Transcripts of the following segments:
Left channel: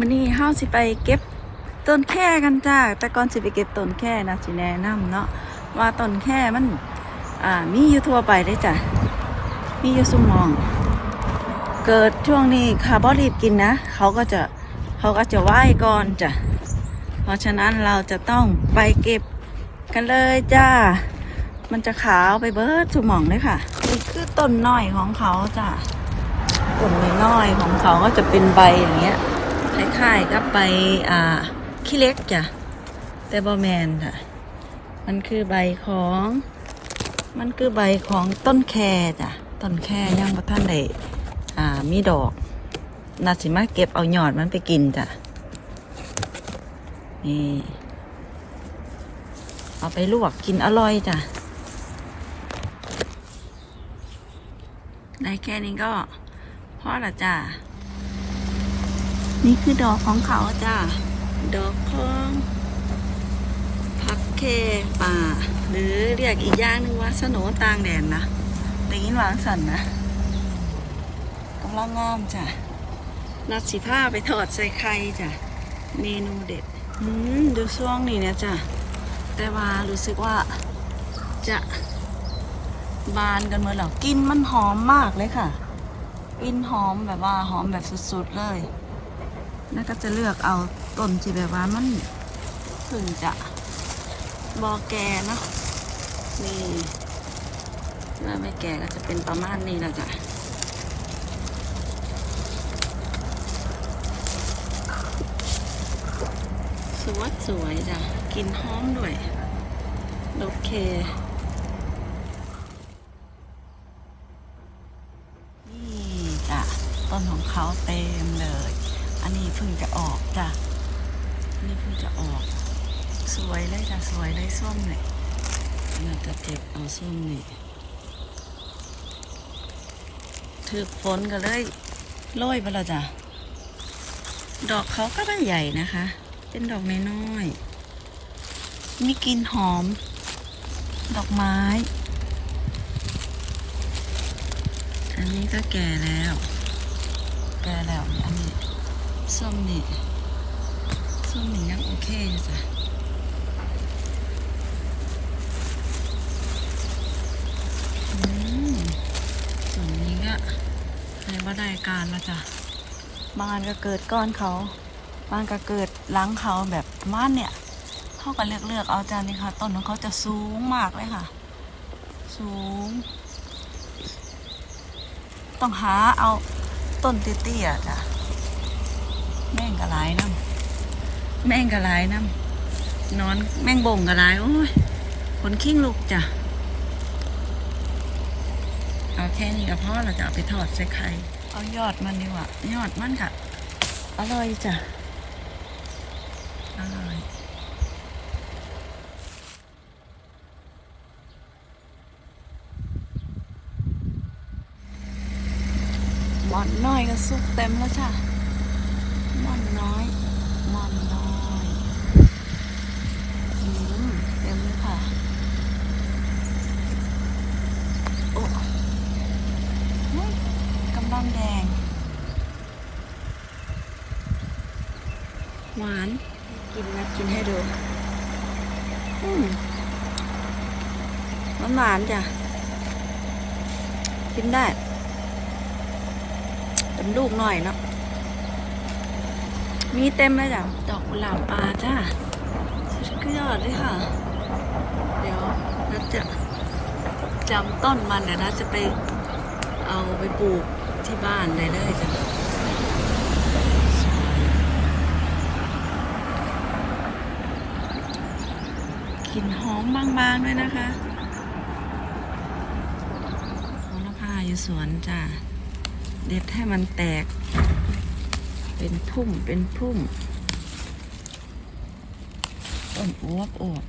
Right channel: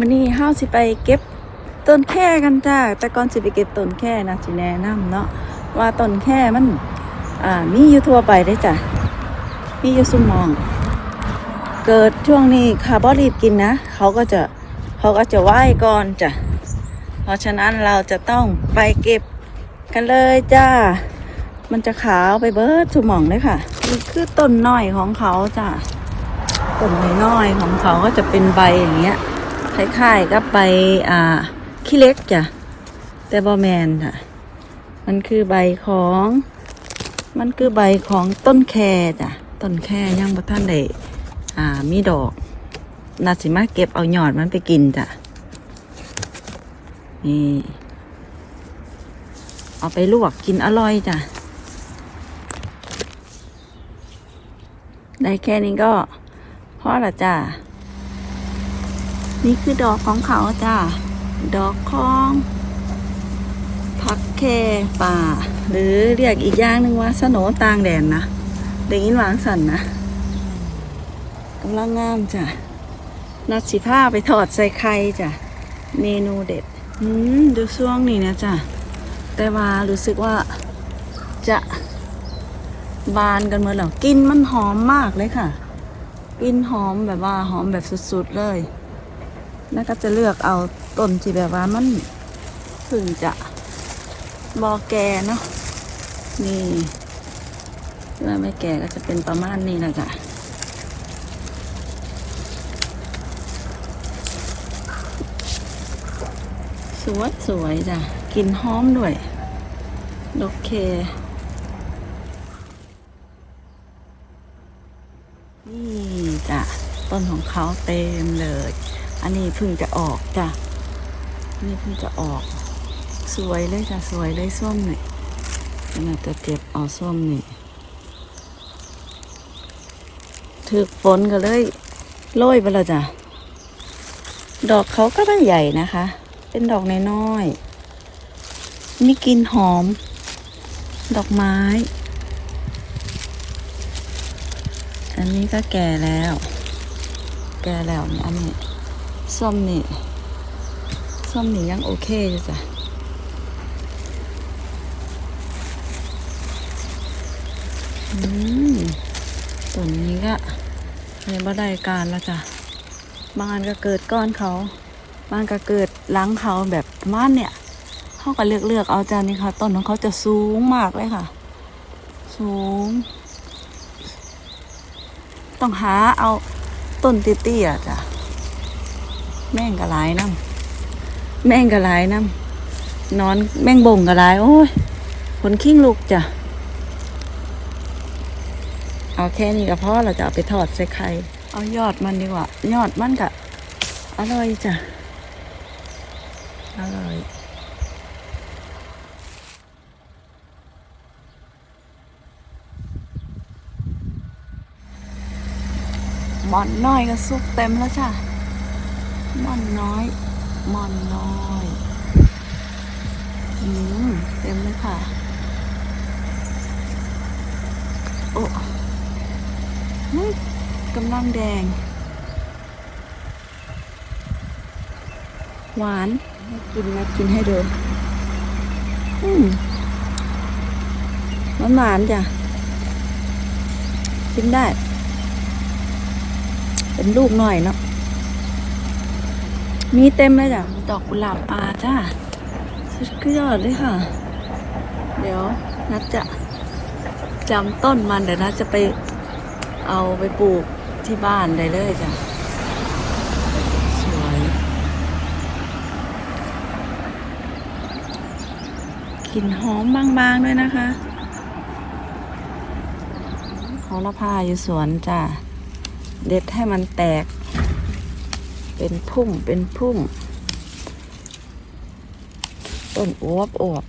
มันนี่ห้าสิไปเก็บต้นแค่กันจ้าแต่ก่อนสิไปเก็บต้นแค่นะสิแนะนำเนาะว่าต้นแค่มัน อ่ามีอยู่ทั่วไปได้จ้ะมีอยู่สุมอง เกิดช่วงนี้คาร์บอนรีบกินนะเขาก็จะเขาก็จะไหว้ก่อนจ้ะเพราะฉะนั้นเราจะต้องไปเก็บกันเลยจ้า มันจะขาวไปเบิร์ดสุมองเลยค่ะนี่คือต้นน้อยของเขาจ้ะต้นน้อยๆของเขาก็จะเป็นใบอย่างเงี้ย คล้ายๆกับใบอ่าขี้เล็กจ้ะแต่บอแมนค่ะ มันคือใบของ มันคือใบของต้นแคจ้ะต้นแค่ยังบ่ท่านได้อ่ามีดอกนาสิมาเก็บเอาหยอดมันไปกินจ้ะนี่เอาไปลวกกินอร่อยจ้ะ ได้แค่นี้ก็พอละจ้ะ นี่คือดอกของเขาจ้ะ ดอกของผักแคป่า หรือเรียกอีกอย่างหนึ่งว่าสโนตางแดนนะได้ยินวางสันนะกำลังงามจ้ะ นัดสิผ้าไปทอดใส่ไข่จ้ะ เมนูเด็ด อืมดูช่วงนี้นะจ้ะ แต่ว่ารู้สึกว่าจะบานกันหมดแล้วกลินมันหอมมากเลยค่ะกลินหอมแบบว่าหอมแบบสุดๆเลย แล้วก็จะเลือกเอาต้นที่แบบว่ามันเพึ่งจะบอแกเนาะนี่ถ้าไม่แก่ก็จะเป็นประมาณนี้แหละจ้ะสวยสวยจ้ะกินหอมด้วย โอเค นี่จ้ะต้นของเขาเต็มเลย อันนี้เพิ่งจะออกจ้ะนนี้เพิ่งจะออก สวยเลยจ้ะสวยเลยส้มหน่อยขนาดจะเจ็บเอาส้มนี่ถึกฝนก็เลยโรยไปแล้วจ้ะ ดอกเขาก็ไม่ใหญ่นะคะ เป็นดอกน้อยๆมีกลิ่นหอม ดอกไม้ อันนี้ก็แก่แล้ว แก่แล้วเนี่ยอันนี้ ส้มนี่ส้มนี่ยังโอเคอยู่จ้ะอืมต้นนี้ก็ยังบ่ได้การแล้วจ้ะบางอันก็เกิดก้อนเขาบางก็เกิดหล้างเขาแบบประมาณเนี่ยเขาก็เลือกเลือกๆเอาจ้านี่ค่ะต้นของเขาจะสูงมากเลยค่ะ สูง ต้องหาเอาต้นเตี้ยๆจ้ะ แม่งกระไรน้ำแม่งกระไรน้ำนอนแม่งบ่งกระไรโอ้ยขนขิ้งลูกจ้ะ เอาแค่นี้ก็พอเราจะเอาไปทอดใส่ไข่เอายอดมันดีกว่า ยอดมันกะอร่อยจ้ะ อร่อยหมอนน้อยก็สุกเต็มแล้วจ้ะ มอนน้อยมอนน้อยอืมเต็มเลยค่ะ โอ้มึกำลังแดง หวานให้กินนะกินให้ดู อืมหวานหวานจ้ะ กินได้เป็นลูกหน่อยเนาะ มีเต็มเลยจ้ะดอกกุหลาบปาจ้าสุดยอดเลยค่ะ เดี๋ยวนัดจะจำต้นมันเดี๋ยวนัดจะไปเอาไปปลูกที่บ้านได้เลยจ้ะกลิ่นหอมบางๆด้วยนะคะโหระพาอยู่สวนจ้ะ เด็ดให้มันแตก เป็นพุ่มเป็นพุ่ม ต้นอวบอวบ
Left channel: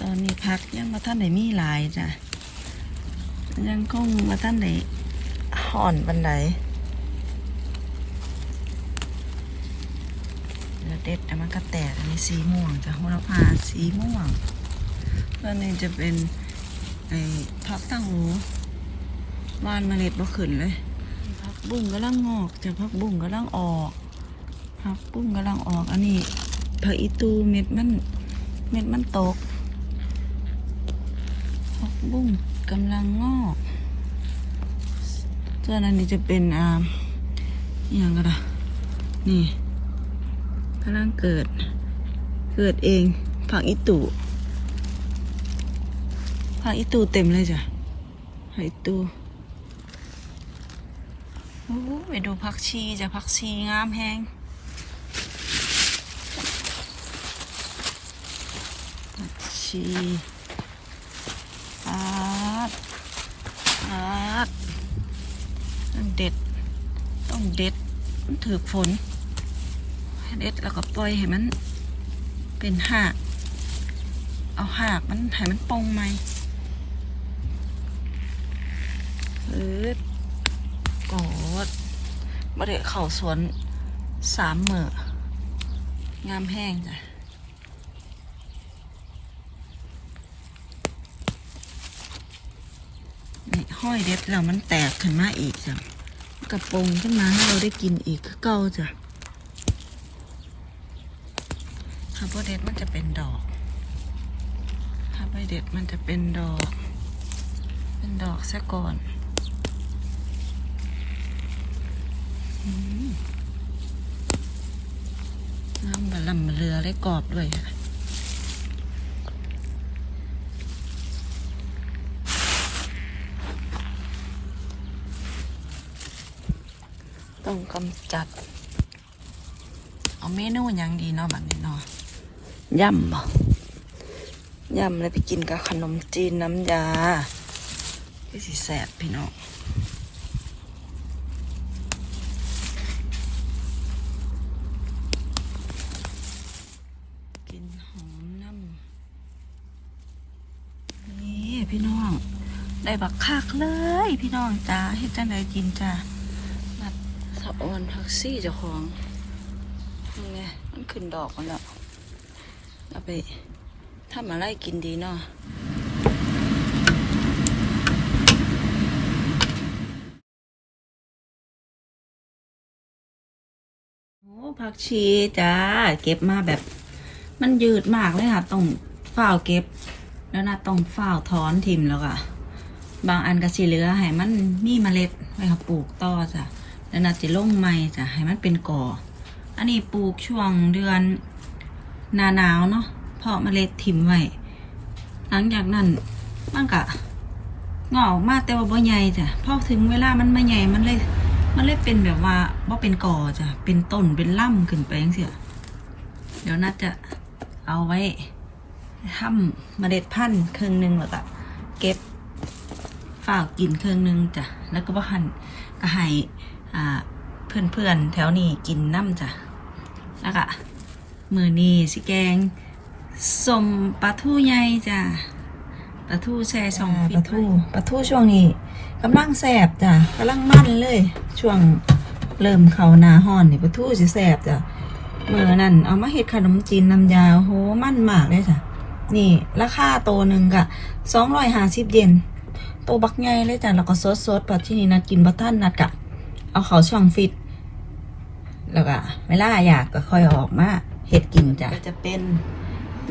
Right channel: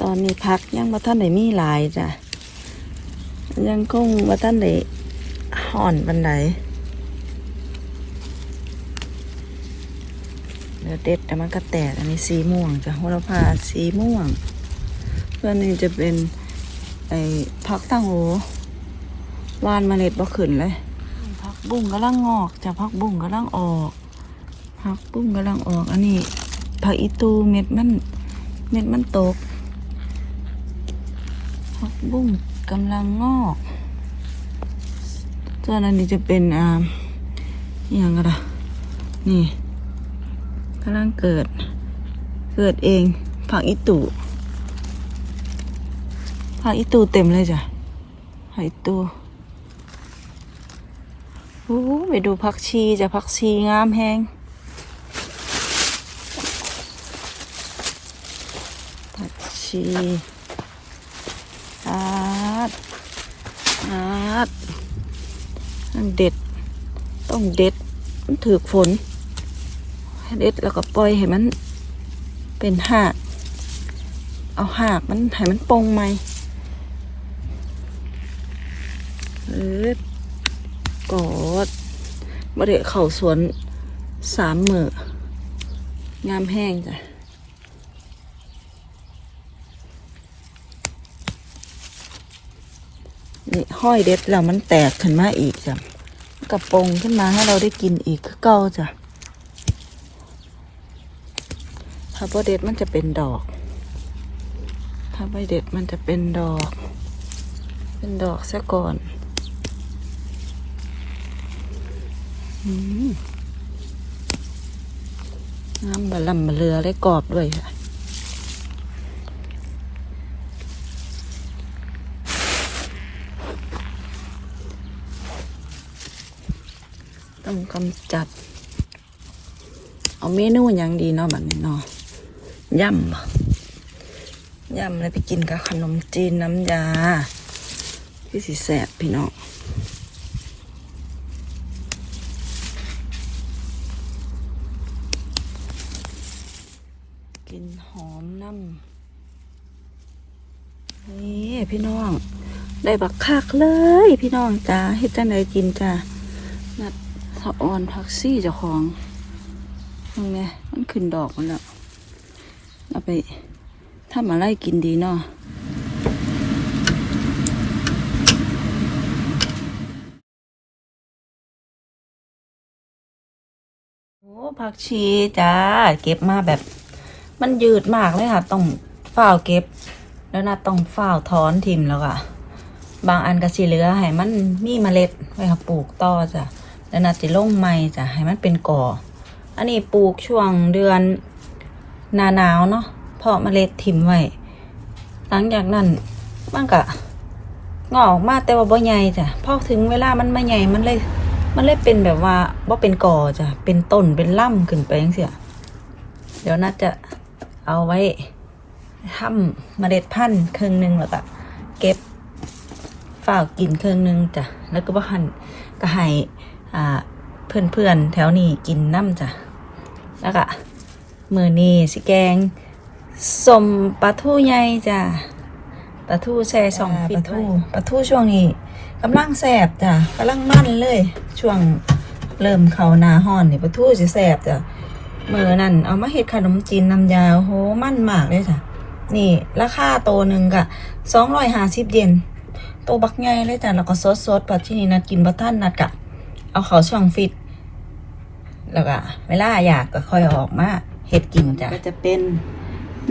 ตอนนี้พักยังมาท่านไหนมีหลายจ้ะ ยังคงมาท่านไหนห่อนบันไดเด็ดแต่มันก็แตกอันนี้สีม่วงจ้ะโหระพาสีม่วง ส่วนนี้จะเป็นไอ้พักตั้งโหวานเมล็ดบ่ขึ้นเลยพักบุ้งกำลังงอกจะพักบุ้งกำลังออกพักบุ้งกำลังออก อันนี้ผักอีตูเม็ดมันเม็ดมันตกพักบุ้งกำลังงอกส่วนอันนี้จะเป็นอ่าอย่างกระดะนี่กำลังเกิด เกิดเองผักอีตู ผักอีตูเต็มเลยจ้ะผักอีตูโอ้ไปดูผักชีจ้ะผักชีงามแฮงผักชีอาดอาดต้องเด็ด ต้องเด็ด มันถือฝนให้เด็ดแล้วก็ปล่อยให้มันเป็นหาก เอาหากมันให้มันปงไหมเออกอดมาเดะเข่าสวนสามมืองามแห้งจ้ะนี่ห้อยเด็ดแล้วมันแตกขึ้นมาอีกจ้ะกระปงขึ้นมาให้เราได้กินอีกเก่าจ้ะถ้าบ่เด็ดมันจะเป็นดอก ถ้าใบเด็ดมันจะเป็นดอก เป็นดอกซะก่อนอืม น้ำบะลำบะเรือได้กรอบด้วยค่ะต้องกำจัด เอาเมนูอย่างดีเนาะบัดนี้เนาะย่ำบ่ย่ำเลยไปกินกับขนมจีนน้ำยาพี่สิแสบพี่น้องกินหอมน้ำนี่พี่น้อง ได้บักคักเลยพี่น้องจ้าเฮ็ดจังไดกินจ้านัดผักอ่อนผักซี่เจ้าของตรงนี้มันขึ้นดอกมันแล้วเอาไปทำอะไรกินดีเนาะโอ้ผักชีจ้า เก็บมาแบบ มันยืดมากเลยค่ะ ต้องฝ้าวเก็บ แล้วนะต้องฝ้าวถอนทิมแล้วก็ บางอันก็สิเหลือให้มันมีเมล็ดไว้ค่ะปลูกต่อจ้ะแล้วนะจะลงใหม่จ้ะให้มันเป็นก่อ อันนี้ปลูกช่วงเดือนหนาหนาวเนาะเพาะเมล็ดทิมไว้หลังจากนั้นมันก็งอกมาแต่ว่าบ่ใหญ่จ้ะพอถึงเวลามันไม่ใหญ่มันเลย มันเลยเป็นแบบว่าบ่เป็นก่อจ้ะเป็นต้นเป็นล่ำขึ้นไปจังเสียเดี๋ยวน่าจะเอาไว้ทำเมล็ดพันธุ์ครึ่งหนึ่งแล้วก็เก็บ ฝากกินครึ่งหนึ่งจ้ะแล้วก็บ่หันก็ให้อ่าเพื่อนๆแถวนี้กินน้ำจ้ะแล้วก็มือนี้สิแกงสมปลาทูใหญ่จ้ะปลาทูแช่สองฟิตทูปลาทูช่วงนี้กำลังแสบจ้ะกำลังมันเลย ช่วงเริ่มเข้าหนาห้อนนี่ปลาทูจะแสบจ้ะมือนั่นเอามาเฮ็ดขนมจีนน้ำยาโอ้โหมันมากเลยจ้ะนี่ราคาโตวหนึ่งกะสองร้อยห้าสิบเยน โตวบักใหญ่เลยจ้ะแล้วก็สดๆปัจจุบันนัดกินบัท่านนัดกะเอาเขาช่องฟิต แล้วก็เวลาอยากก็ค่อยออกมาเห็ดกินจ้ะก็จะเป็น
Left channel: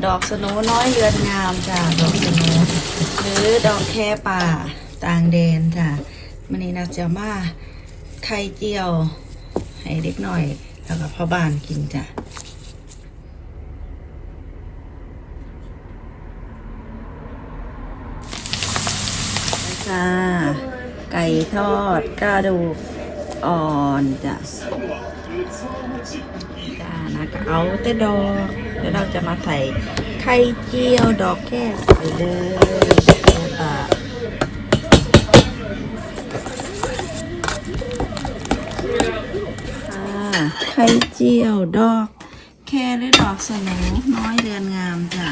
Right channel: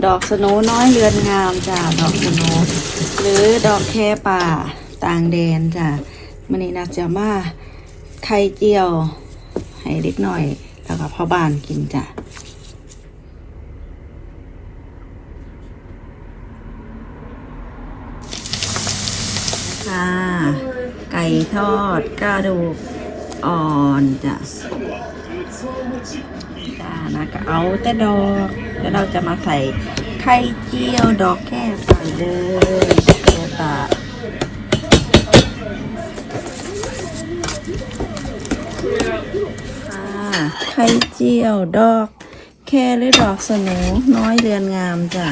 ดอกสโนน้อยเรือนงามจ้ะดอกสโนหรือดอกแคป่าต่างแดนจ้ะมันนี้นักจะมาไข่เจียวให้เล็กหน่อย แล้วก็พ่อบ้านกินจ้ะไก่ ทอดกระดูกอ่อนจ้ะจ้านะก็เอาแต่ดอก แล้วเราจะมาใส่ไข่เจียวดอกแค่ไปเลยแค่ปะค่ะไข่เจียวดอกแค่หรือดอกสนูน้อยเดือนงามจ้ะ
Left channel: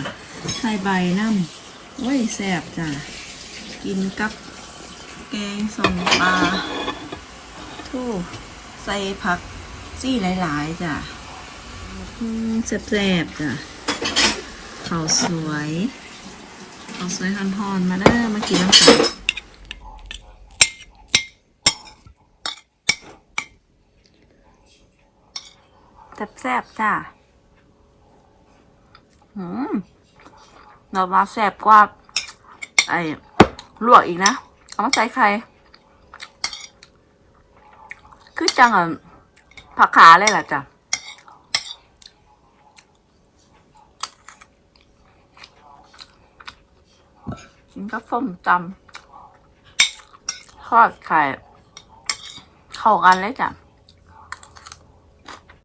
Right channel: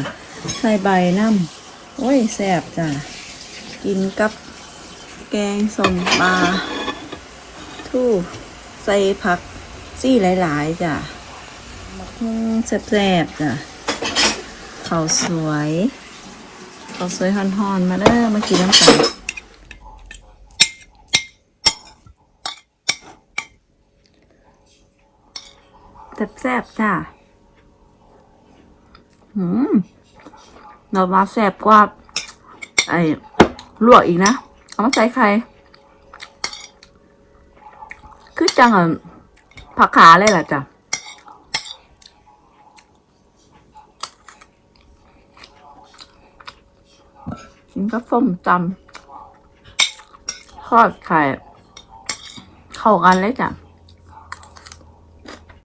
ใส่ใบน้ำโอ้ยแซ่บจ้ะกินกับ แกงส้มปลาทู่ใส่ผักซี่หลาย ๆ จ้ะอืมแซ่บๆจ้ะข้าวสวยเขาสวยฮอนๆ มาเด้อมากินน้ำกันแซ่บๆจ้าหืมเรามาแซ่บกว่า ไอ้ลวกอีกนะ เอามาใส่ไข่คือจังอะผักขาเลยล่ะจ้ะกินกับส้มตำทอดไข่ เข้ากันเลยจ้ะ